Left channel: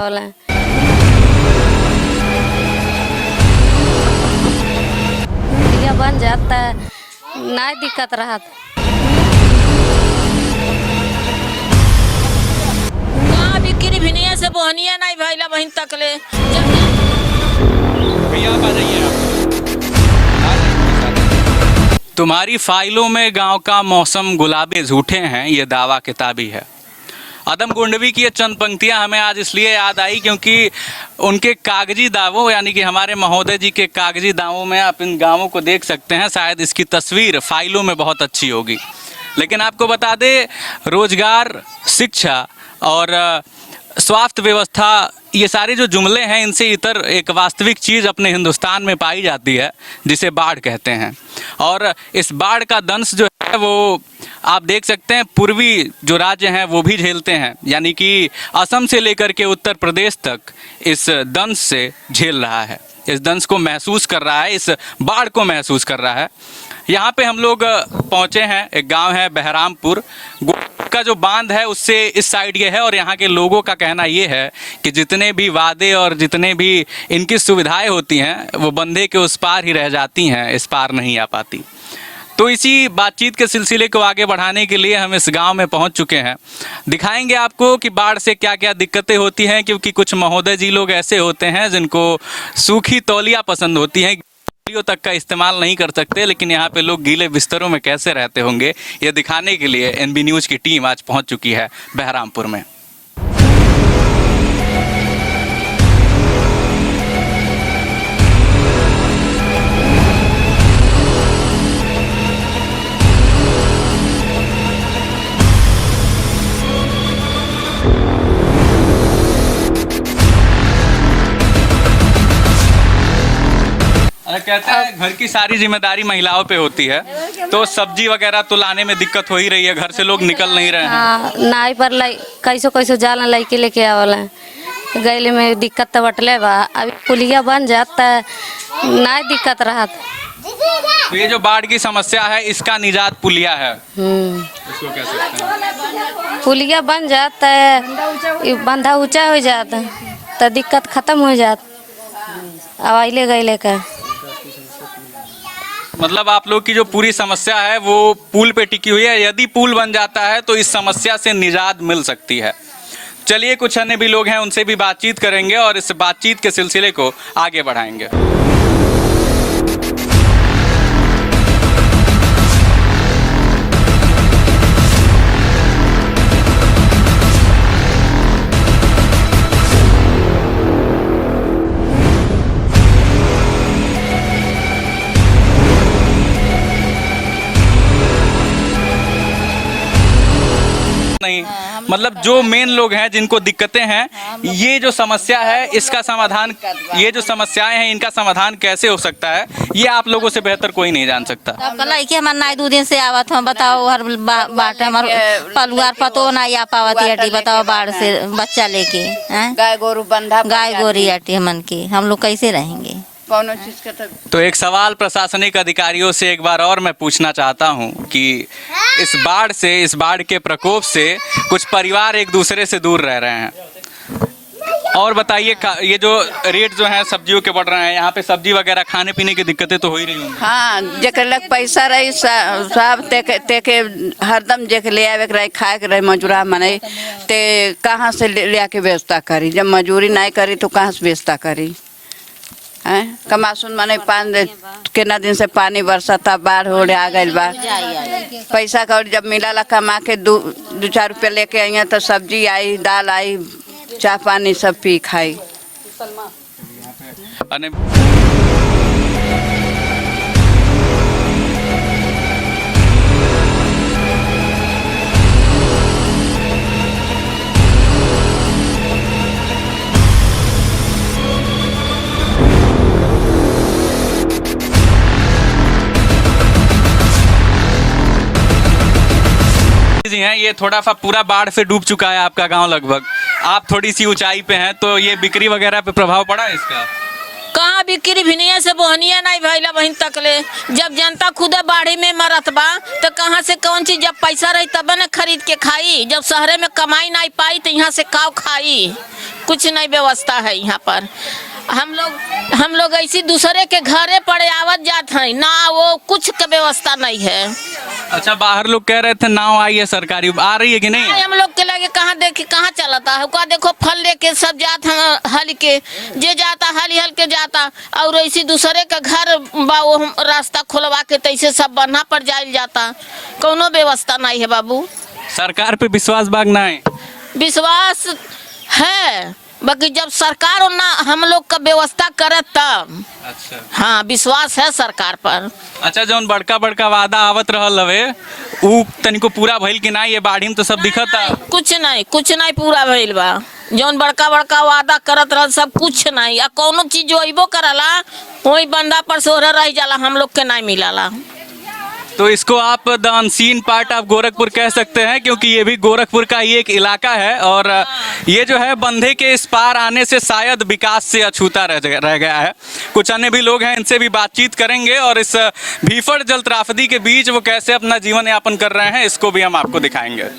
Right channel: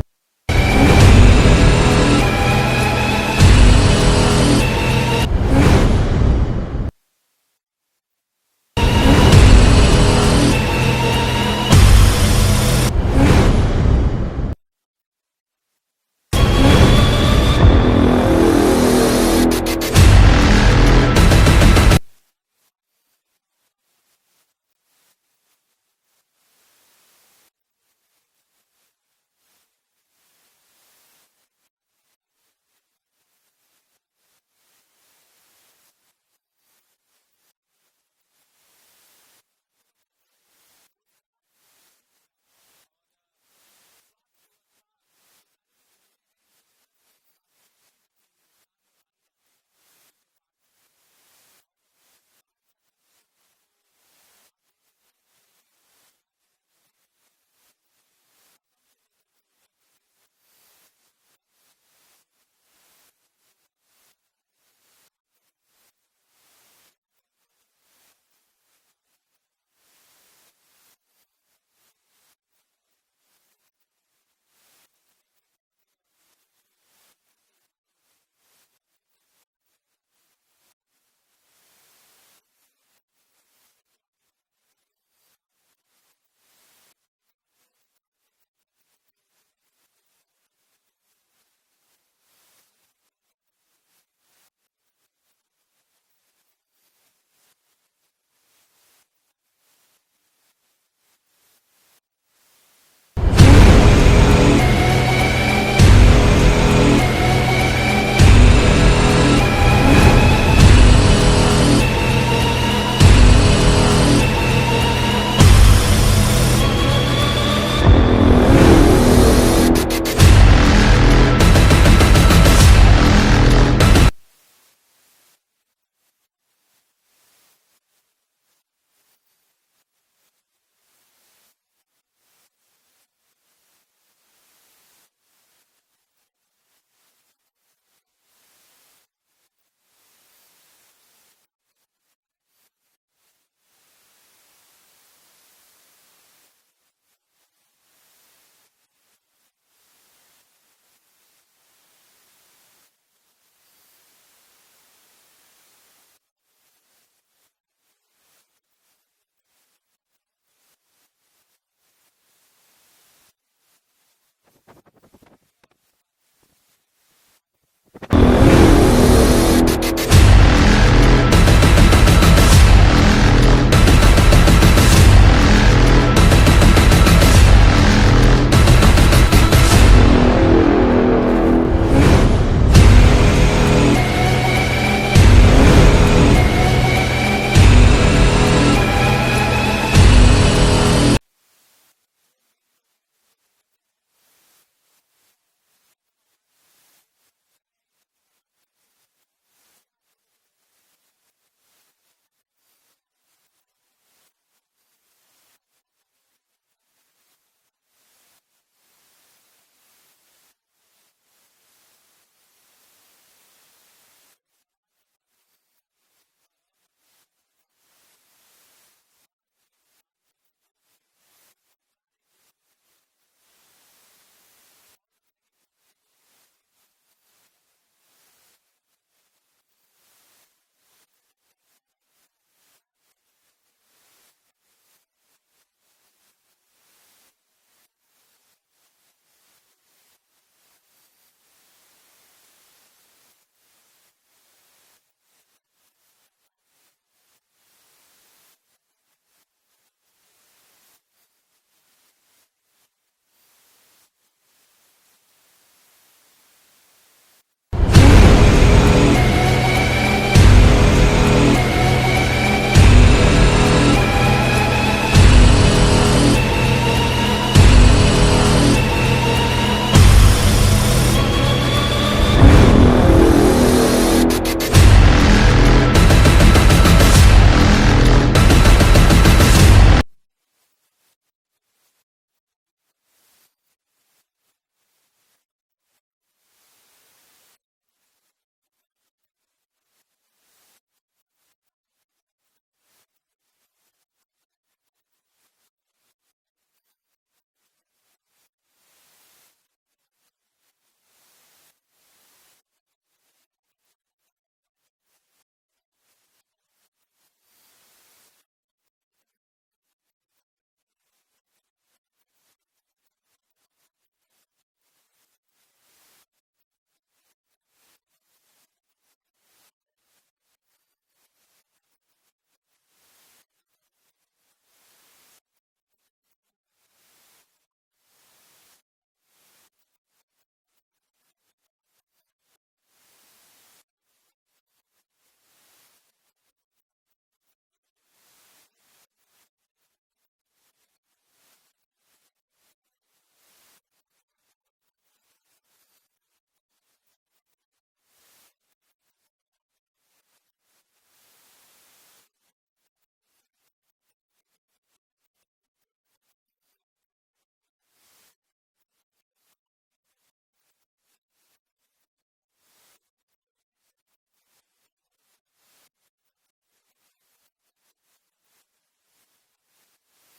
आवला। ये बन जाता ना दिक्कत रहत। बिक्री भिनिया से बोहनिया नहीं भइला बहिन तकले। तुम्हारी फाइलों में गांव का मौसम गुलाबी झूठे हैं, ये दावा किताबी है। अदम गुंडवी की ये चंद पंक्तियां हमें आज इसलिए याद आई क्योंकि उनके कागजी दावों यानी कि हमारे महोदय जी के कागजी दावों में आप इन गांवों को देख सकते हैं। शायद इसकी तस्वीर फाइलों में बहुत अच्छी होगी, लेकिन आपको बता दें रोजगार, शिक्षा और स्वास्थ्य व्यवस्था, ये सारे जो जुमले हैं इनसे इतर एक वास्तविक चीज़ अपने हिंदुस्तान में पाई जाती है जिसे बाढ़ कहते हैं। और इस बाढ़ का दंश जो है वो आप देख सकते हैं पूर्वी जो राज्य हैं वो भी झेलते हैं, यानी कि असम से लेकर के उत्तर प्रदेश तक इस दंश से झेल रहा है, इस दंश को महसूस कर रहा है, इस बाढ़ को महसूस कर रहा है। यहाँ पे हम लोग पहुँचे हैं, एक गांव है बहरामपुर का जो बांध है उससे इस साइड ये है, और यहाँ के लोगों का कहना ये है कि जितने भी वादे और जितने भी इनकी सुविधाएं होती हैं वो बंधे के उस पार ही रह जाती हैं, इस पार नहीं आ पाती। तो इसी बातचीत के सिलसिले को आगे बढ़ाने के लिए हम इस गांव में पहुंच चुके हैं। दिखाएंगे आपको कि बाढ़ से क्या क्या दिक्कतें होती हैं, क्योंकि कुछ महोदय जी लोग ऐसे होते हैं जिनको सूखी तौलिया पसंद होती हैं, तक का इस्तेमाल नहीं कर सकते, लेकिन यहाँ पे लोग गीले बिस्तरों में कैसे रहते होंगे ये दिखाने के लिए एनबी न्यूज़ की टीम आज पहुँच चुकी है बहरामपुर में। कहते हैं घर की सारी जिम्मेदारी महिलाओं पे होती है, तो सब्जी वगैरह तो लाने में दिक्कत हो ही रही है, घर से लोग निकल नहीं रहे हैं। नाई पर कैसो कैसो जाला लड़के लेके आवला, गैले में दिक्कत तो बटले बा। अभी पुलिया बन जाता ना दिक्कत रहत। तो ये जो बाढ़ की समस्या है इसका निजात पुलिया है, इसको कह सकते हैं। पुलिया बन जाता है, बंधा ऊंचा हो जाता तो दिक्कत खत्म हो जाता अवाइले गैले का। मतलब आप लोग की जो पूरी समस्या है वो पुल पे टिकी हुई है, यदि पुल बन जाता है तो इस समस्या से निजात मिल सकती है। चलिए कुछ अन्य भी लोग हैं उनसे भी बातचीत करेंगे और इस बातचीत के सिलसिले को आगे बढ़ाएंगे। मतलब जो मेन लोग हैं जिनको दिक्कतें हैं, ये जो समस्या है इसका समाधान, ये जो समस्याएं हैं इनका समाधान कैसे हो सकता है ये आप लोगों से बेहतर कोई नहीं जान सकता। कि हमारे नाई 2 दिन से आवत हम बताओ हर बाट हमारे पलुआर पतो ना आ पावत अटी बताओ बाढ़ से बच्चा लेके गाय गोरू बंधा गाय गोरी अटी हमन के हम लोग कैसे रहेंगे। तो एक सवाल प्रशासनिक अधिकारियों से एक बार और मैं पूछना चाहता हूं कि इस बाढ़ के प्रकोप से कुछ परिवार एक दूसरे से दूर रह रहे हैं, और बताइए ये जो रेट जो है सब्जियों के बढ़ रहे हैं, यहाँ पे सब्जी वगैरह खाने पीने की दिक्कतें तो हो ही रही होंगी। हाँ, जेकर लग पैसा रही सब तेके हरदम जेके ले आवे रही खाए के रही मजूरा मने ते कहाँ से ले आके व्यवस्था करी, जब मजूरी नहीं करी तो कहाँ से व्यवस्था करी है। कमासुन माने कितना दिन से पानी बरसाता बाढ़ हो आ गई बा, पैसा का जब मिला कमा के 2-4 रुपये लेके आई तो सब्जी आई, दाल आई, चाय पानी सब पी खाई। हैं ये थोड़ा सा पूरा बाढ़ से डूब चुका है आपका गांव लगभग, आप थोड़ी सी ऊंचाई पे हैं, तो ये बिक्री वगैरह पे प्रभाव पड़ा है इसका? कहाँ बिक्री भिनिया से बोहनिया नहीं भइला बहिन तकले। जब जनता खुदे बाढ़ी में मरत बा तो कहाँ से कौन चीज, जब पैसा रही तब न खरीद के खाई, जब शहरे में कमाई नहीं पाई तो यहाँ से काव खाई। कुछ नहीं व्यवस्था है यहाँ पर। हम लोग ऐसी दूसरे के घरे पड़े आवत जात हैं ना, वो कुछ का व्यवस्था नहीं है। अच्छा, बाहर लोग कह रहे थे नाव आई है सरकारी, आ रही है कि नहीं? हम लोग के लगे कहाँ देखे कहाँ चलता है, का देखो फल लेके सब जात हैं हल के, जे जाता हल हल के जाता, और ऐसी दूसरे का घर बा वो रास्ता खुलवा के तैसे सब बन्हा पर जायल जाता, कोनो व्यवस्था नहीं है बाबू। सरकार पे विश्वास बागना है? विश्वास है, बाकी जब सरकार ना हम लोग का व्यवस्था करे तब। अच्छा, हाँ, विश्वास है सरकार पर। अच्छा, जौन बड़का बड़का वादा आवत रहल हवे उ तनिको पूरा भइल कि ना? ये बाढ़ी में तो सब दिखता। कुछ नहीं पूरा भइल बा। जौन बड़का बड़का वादा करत रहल सब कुछ नहीं, आ कोनो चीज जो अइबो करला वही बंदा पर सोहरा रह जाला, हम लोग के नहीं मिलाला। तो इसको आप the unseen part of Gorakhpur कह सकते हैं, क्योंकि ये भी गोरखपुर का ही एक इलाका है और ये जो है बंधे के इस पार आने से शायद विकास से अछूता रह गया है। कुछ अन्य भी लोग हैं, इनसे भी बातचीत करेंगे और इस भीषण जल त्रासदी के बीच वो कैसे अपना जीवन यापन कर रहे हैं इसको भी हम आपको दिखाएंगे।